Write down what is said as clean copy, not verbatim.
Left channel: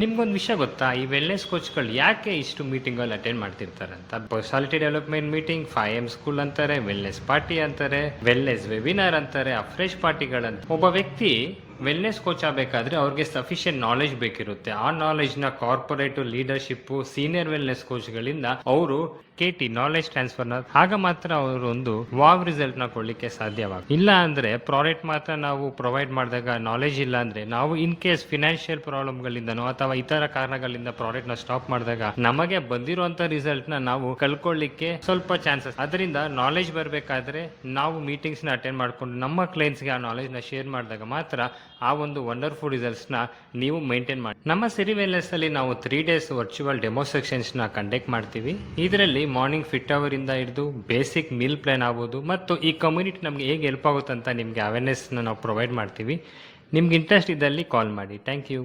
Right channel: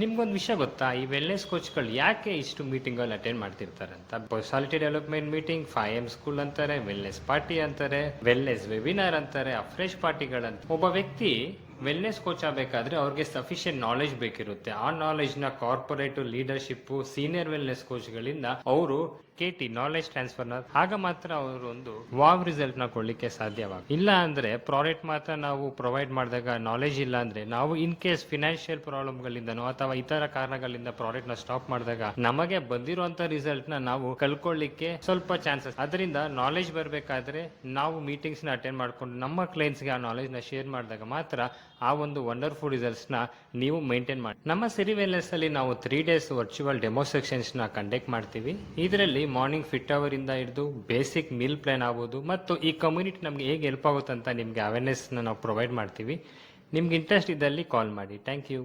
ನಿಮ್ಗೊಂದು ವಿಷಯ ಗೊತ್ತಾ, ಈ ವೆಲ್ನೆಸ್ ಕೋಚ್ಗಳು ಯಾಕೆ ಇಷ್ಟು ಮೀಟಿಂಗಲ್ಲಿ ಅಟೆಂಡ್ ಮಾಡ್ತಿರ್ತಾರೆ ಅಂತ? Personality development meeting, 5M school ಅಂತಾರೆ, ವೆಲ್ನೆಸ್ ಪಾರ್ಟಿ ಅಂತಾರೆ, ವೆಲ್ನೆಸ್ ವೆಬಿನಾರ್ ಅಂತಾರೆ, ಅಫ್ರೆಶ್ ಪಾರ್ಟಿಗಳಂತ. ಒಬ್ಬ ವ್ಯಕ್ತಿ ವೆಲ್ನೆಸ್ ಕೋಚ್ ಆಗಬೇಕಾದ್ರೆ ಅವ್ರಿಗೆ ಸಫಿಷಿಯಂಟ್ ನಾಲೆಜ್ ಬೇಕಿರುತ್ತೆ. ಆ ನಾಲೆಜ್ನ ಕಾರ್ಪೊರೇಟ್ ಲೀಡರ್ಶಿಪ್, ಸೀನಿಯರ್ ವೆಲ್ನೆಸ್ ಕೋಚ್ಗಳಿಂದ ಅವರು KT ನಾಲೆಜ್ ಟ್ರಾನ್ಸ್ಫರ್ನ ಆಗ ಮಾತ್ರ ಅವರು ಒಂದು ವಾವ್ ರಿಸಲ್ಟ್ ನ ಕೊಡ್ಲಿಕ್ಕೆ ಸಾಧ್ಯವಾಗ. ಇಲ್ಲ ಅಂದ್ರೆ ಪ್ರಾಡಕ್ಟ್ ಮಾತ್ರ ನಾವು ಪ್ರೊವೈಡ್ ಮಾಡಿದಾಗ ನಾಲೆಜ್ ಇಲ್ಲ ಅಂದ್ರೆ, ನಾವು ಇನ್ ಕೇಸ್ ಫಿನಾನ್ಷಿಯಲ್ ಪ್ರಾಬ್ಲಮ್ ಗಳಿಂದನೋ ಅಥವಾ ಇತರ ಕಾರಣಗಳಿಂದ ಪ್ರಾಡಕ್ಟ್ ನ ಸ್ಟಾಪ್ ಮಾಡಿದಾಗ ನಮಗೆ ಬಂದಿರುವಂತ ರಿಸಲ್ಟ್ ನ ನಾವು ಕಳ್ಕೊಳ್ಳಿಕ್ಕೆ ಸ್ವಲ್ಪ ಚಾನ್ಸಸ್. ಅದರಿಂದ ನಾಲೆಜ್ ಬರಬೇಕಾದ್ರೆ ನಾವು ಮೀಟಿಂಗ್ಸ್ ನ ಅಟೆಂಡ್ ಮಾಡ್ಕೊಂಡು ನಮ್ಮ ಕ್ಲೈಂಟ್ಸ್ ಗೆ ಆ ನಾಲೆಜ್ ನ ಶೇರ್ ಮಾಡಿದಾಗ ಮಾತ್ರ ಆ ಒಂದು ವಂಡರ್ಫುಲ್ ರಿಸಲ್ಟ್ಸ್ ನ ನೀವು ಮೇಂಟೈನ್ ಮಾಡಿ. ನಮ್ಮ ಸಿರಿ ವೆಲ್ನೆಸ್ ಅಲ್ಲಿ ನಾವು 3 days ವರ್ಚುವಲ್ ಡೆಮೋ ಸೆಕ್ಷನ್ಸ್ ನ ಕಂಡಕ್ಟ್ ಮಾಡ್ತೀವಿ. ಇದರಲ್ಲಿ ಮಾರ್ನಿಂಗ್ ಫಿಟ್ ಅವರ್ ಇಂದ ಹಿಡಿದು ಬೇಸಿಕ್ ಮೀಲ್ ಪ್ಲಾನ್ ಆಗ್ಬೋದು ಮತ್ತು ಈ ಕಮ್ಯುನಿಟಿ ನಮ್ಗೆ ಹೇಗೆ ಹೆಲ್ಪ್ ಆಗುತ್ತೆ ಅಂತ ನಿಮ್ಗೆ ಅವೇರ್ನೆಸ್ ನಾವು ಪ್ರೊವೈಡ್ ಮಾಡ್ತೀವಿ. ನಿಮ್ಗೆ ಇಂಟ್ರೆಸ್ಟ್ ಇದ್ದಲ್ಲಿ ಕಾಲ್ ಮಾಡಿ. Thank you.